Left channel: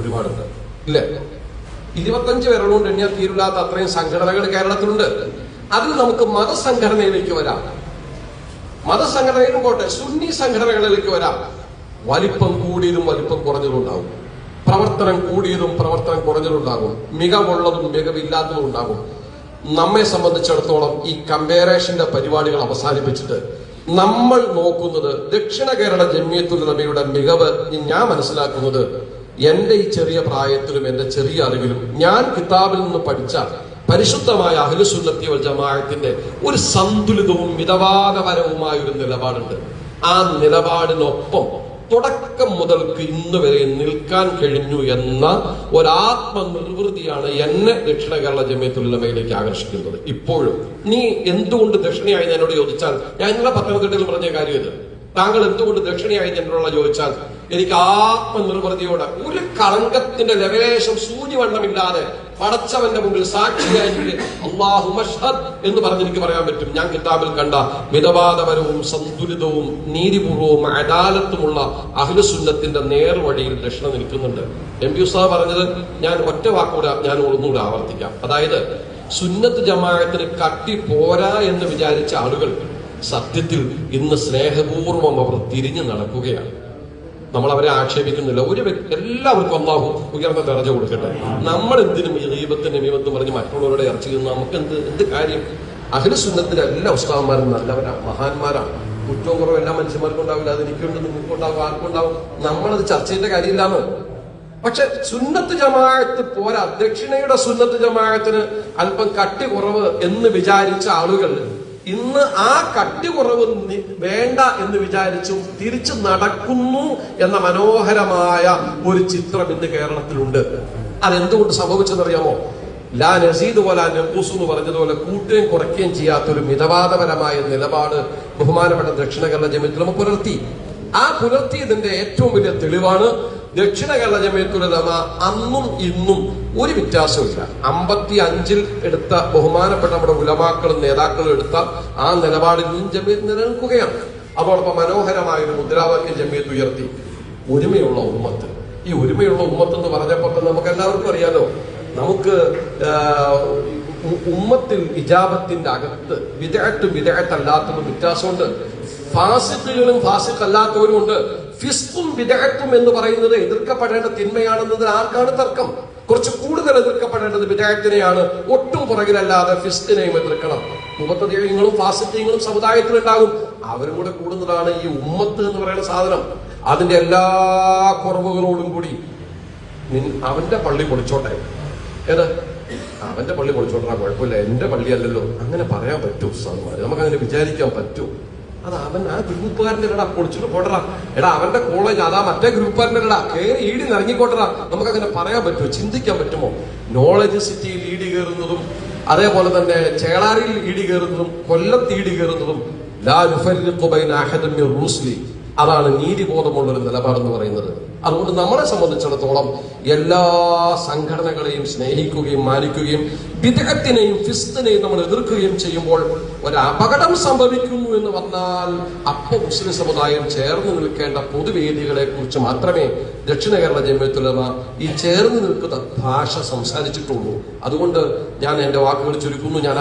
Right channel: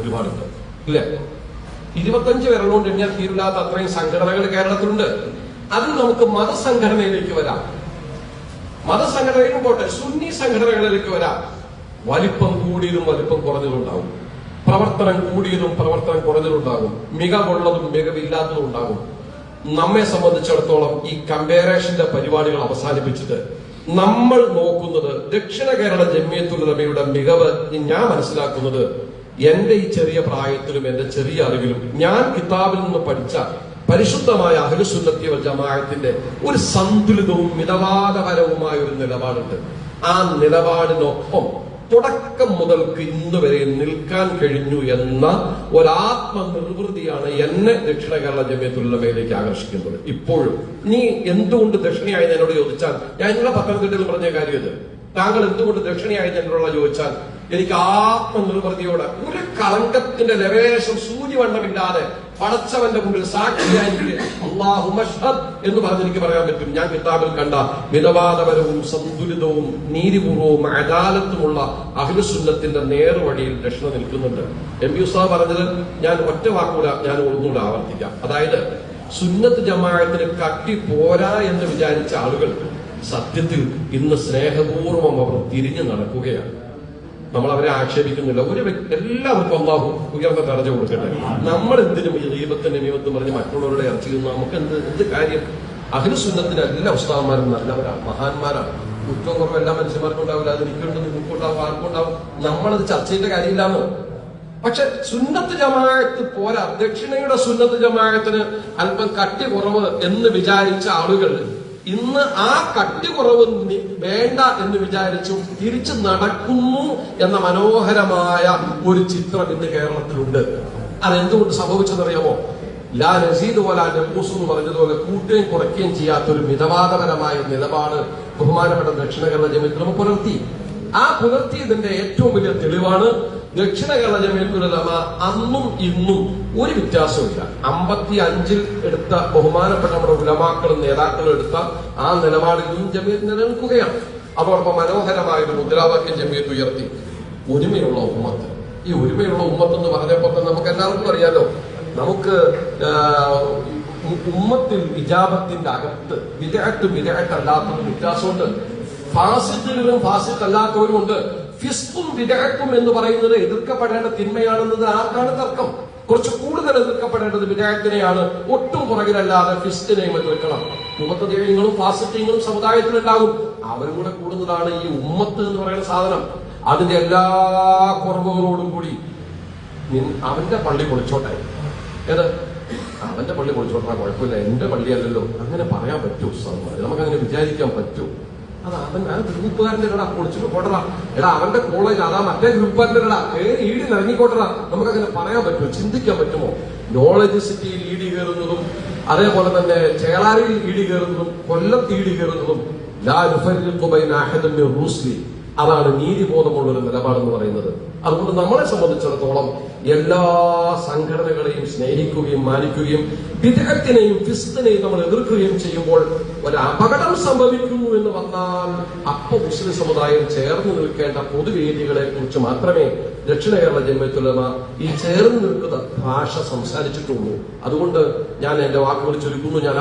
ഒരുപാടുണ്ട് ഇല്ല. 25 വിരലുകൊണ്ട് എണ്ണിയാൽ തീരില്ലാത്ത അത്രയും സംഘടനകൾ കേരളത്തിലുണ്ട്. അതിൽ നമുക്ക് മതസംഘടനയിലേക്ക് വരാം. മതസംഘടനയിലും പോട്ടെ, സുന്നി സംഘടനകളിലേക്ക് വരാം. വലിപ്പം കൂടിയതും വലിപ്പം കുറഞ്ഞതും ഉണ്ടാകും, പ്രവർത്തനം കൂടിയതും പ്രവർത്തനം കുറഞ്ഞതും ഉണ്ടാകും, മികവുള്ളതും മികവില്ലാത്തതും ഉണ്ടാകും. നമ്മെ സംബന്ധിച്ചിടത്തോളം ഈ കമ്പാരിസന്റെ പരിപാടികൾ അവസാനിപ്പിച്ചിട്ട് നമ്മൾ നോക്കുന്നത് ദക്ഷിണ കേരള ജംഇയ്യത്തുൽ ഉലമയുടെ മികവ്. ഞാൻ മനസ്സിലാക്കുന്നത് എന്റെ ഈ ചെറിയ പ്രായത്തിലും എന്റെ ചെറിയ അറിവിലും ഞാൻ കിതാബിൽ നിന്ന് പഠിച്ച പരിശുദ്ധമായ അഹ്ലുസുന്നത്തി വൽ ജമാഅത്തിന്റെ ഒരു സന്തുലിതവും മിതവാദപരവുമായ ഒരു നിലപാടുണ്ട്. ആ നിലപാടിനൊപ്പം തുടക്കം മുതൽക്ക് ഇന്ന് വരെ നിൽക്കാൻ കഴിഞ്ഞു എന്ന ഒരാത്മനിർവൃതിയാണ് എന്നെ ദക്ഷിണ കേരള ജംഇയ്യത്തുൽ ഉലമയിലേക്ക് ആകർഷിക്കുന്നത്. ഇപ്പോഴും നീ എന്തുകൊണ്ട് ദക്ഷിണയായി എന്നോട് ചോദിച്ചാൽ, ഞാൻ ഇന്നലെ പത്തനംതിട്ടയിൽ പറഞ്ഞ കാര്യം ഇത്, താങ്കൾ എന്തുകൊണ്ട് ദക്ഷിണയായി എന്നോടുള്ള ചോദിച്ചാൽ എനിക്ക് ആത്മനിർവൃതിയോടെ ഒരു കളങ്കത്തിന്റെ ലവേശം സൂചിവണ്ണമില്ലാതെ പടച്ചവന്റെ മുമ്പിൽ സാക്ഷിയായിട്ട് അല്ലാഹു മഷ്ഹദ് എന്ന് പറഞ്ഞെനിക്ക് പറയാൻ പറ്റും. ഞാൻ കിതാബിൽ കണ്ട മിതവാദപരവും സന്തുലിതവും നീതിപൂർവവും അദാലത്തുമുള്ള അഹ്ലുസുന്നത്തിന്റെ നേർവഴിയിൽ ദക്ഷിണ നിൽക്കുന്നുണ്ട്. എം.പി. ഉസ്താദ് പറഞ്ഞത് ഞാൻ ഒറ്റ വാക്കൂടെ ഞാൻ ഒന്നുകൂടെ ആവർത്തിക്കാം. അതായത് സുന്നത്ത് ജമാഅത്തിന് കട്ടി പോരാ എന്ന് വിചാരിച്ച ആളുകൾ സത്യത്തിൽ ഇന്ന് സ്നേഹപൂർവം അവർ തിരിഞ്ഞു നടക്കുകയാണ്. നമ്മൾ അവരെ ആക്ഷേപിക്കുന്നില്ല. എല്ലാവർക്കും അല്ലാഹു ഉയർന്ന ദർജ കൊടുക്കട്ടെ. നമ്മൾ എന്തിനും ഈ ഗീബത്തിന്റെ മീമത്തും പറഞ്ഞ് മറ്റുള്ളവരുടെ ഇറച്ചി നിന്ന് നമുക്ക് എന്ത് കാര്യം? അഹ്ലുസുന്നത്തിലെ എല്ലാ ഉസ്താദന്മാരും നല്ലവരാണ്, മഹാന്മാരാണ്. കുറ്റവും കുറവും എല്ലാ മനുഷ്യന്മാർക്കും ഉണ്ടാവില്ല. അത് എനിക്കുണ്ട്, നിങ്ങൾക്കുണ്ടാവും, ആർക്കും ഉണ്ടാവും. നമ്മളത് ചർച്ച ചെയ്യേണ്ട കാര്യമില്ലാന്നോ. പക്ഷെ സുന്നത്ത് ജമാഅത്ത് പോരാ, ദക്ഷിണയുടെ സുന്നത്ത് ജമാഅത്തിന് അല്പം കട്ടി കുറവ് എന്ന് വിചാരിച്ച ആളുകൾ ഇന്ന് ആ കട്ടി കുറവ് വേണ്ട എന്ന് വിചാരിച്ചു തിരിച്ചു നടക്കുന്നു എന്ന മനോഹരമായ ഒരു ചിത്രം ഇന്ന് കേരളത്തിലുണ്ട്. അതെന്തുകൊണ്ട് സംഭവിച്ചെന്നറിയാമോ? ലാ നസീദ് വലാ നഖൂസ് എന്ന് പറഞ്ഞതുപോലെ കൂട്ടുകയും കുറയ്ക്കുകയും ചെയ്യാത്ത ഒരു മിതവാദപരമായ നിലപാട് ബഹുമാനപ്പെട്ട ദക്ഷിണ കേരള ജംഇയ്യത്തുൽ ഉലമ പുലർത്തി. ആ പുലർത്തിയതിന്റെ ഏറ്റവും വലിയ തെളിവാണ് ദക്ഷിണ കേരള ജംഇയ്യത്തുൽ ഉലമ അന്നും ഇന്നും ഒരു വ്യത്യാസമില്ല. 55 എടുത്ത ബഹുമാനപ്പെട്ട നമ്മുടെ ഉലമാക്കളും നേതാക്കളും എടുത്ത ആ നിലപാടിൽ നിന്നും ജംഇയ്യത്ത് നിലനിൽക്കുകയാണ്. അതോടൊപ്പം മനോഹരമായ ഒരു മുദ്രാവാക്യം ജംഇയ്യത്ത് ഉയർത്തി, ഒരുമയുള്ള ഉമ്മത്ത്. ഈ ഒരുമയുള്ള ഉമ്മത്ത് എന്ന് പറഞ്ഞപ്പോൾ തന്നെ നമുക്ക് എല്ലാവർക്കും അറിയാലോ, നമുക്ക് ഉമ്മത്തിൽ ഇജാബത്തിന്റെ അകത്ത് വിദഅത്തും വിദഅത്തല്ലാത്തതും വ്യത്യാസമുണ്ട്. ഫാസിഖുകളും ഫാസിഖല്ലാത്തവരും ഉണ്ട്. ഫിസ്ഖും വിദഅത്തും എന്ന് പറയുന്നത് എതിർക്കപ്പെടേണ്ട തിന്മയാണെന്നത് ആർക്കാണ് തർക്കം? കുറച്ച് കൂടുതൽ എതിർക്കപ്പെടേണ്ടത് വിദഅത്തിനെയാണ്. ഒട്ടും പുറകിലല്ലാതെ ഫിസ്ഖിനെയും എതിർക്കണം. മുബത്തദിഈങ്ങളും ഫാസിഖീങ്ങളും സമുദായത്തിലുണ്ടാകും. അവരും കൂടെ കൂടുന്നതാണ് ഈ ഉമ്മത്ത് എന്ന് പറയുന്ന സാധനം. അതിന്റെ എല്ലാ കുറവുകളോടും കൂടി അവന്റെ പള്ളി പൊളിച്ചോട്ടെ, അവന്റെ പള്ളി പൊളിച്ചോട്ടാ, കുഴപ്പമില്ല, എന്റെ പള്ളിയല്ലല്ലോ, അങ്ങനെ പറയാൻ പറ്റൂ ഉസ്താദുമാർ? നമുക്കങ്ങനെ വിചാരിക്കാൻ പറ്റൂ? അത് അവൻ ആ ഗ്രൂപ്പുകാരന്റെ ഇടാ പൊളിച്ചിട്ട് പോട്ടറാ, എടാ അവന്റെ കോളേജ് അതാ മറ്റേ ഗ്രൂപ്പുകാരന്റെ ഇടാ കയറി ഈടി ഇറങ്ങിക്കോട്ടറാ. നമുക്കങ്ങനെ പറയാൻ പറ്റുമോ? ചിന്തിക്കാൻ പറ്റുമോ? നോളജ് സിറ്റിയിൽ ഈടി കയറുന്നതും അതേപോലെ തന്നെ ചേളാരിയിൽ ഈടി കയറുന്നതും കൊല്ലത്ത് ഈടി കയറുന്നതും ലാ നുഫർരിഖു ബൈന അഹദിൻ മിർ റുസ്ലി, അതാണ് നീതിബോധമുള്ള ഒരു നിലപാടെന്ന് പറയുന്നത്. അതുകൊണ്ട് നമ്മളെ സംബന്ധിച്ചിടത്തോളം എല്ലാ സംഘടനകളെയും സ്നേഹിക്കുകയും മാനിക്കുകയും ബിദ്അത്തിനെയും ഫിസ്ഖിനെയും നമ്മൾ എതിർക്കുകയും ചെയ്യുമ്പോൾ ഒരു അപകടം സംഭവിക്കുന്നു എന്ന് വന്നാൽ അപ്പോൾ മുസ്ലിം സമുദായം ചേർന്ന് നിൽക്കേണ്ട പൊതുവേദികളെ കുറിച്ച് മാത്രമേ ദക്ഷിണ കേരള ജംഇയ്യത്തുൽ ഉലമ ഈ ചേർന്ന് നിൽക്കുന്ന ഭാഷ സംസാരിച്ചിട്ടുള്ളൂ. അതുകൊണ്ട് ഞാൻ എന്റെ വാക്കുകൾ ചുരുക്കുന്നു. ഞാൻ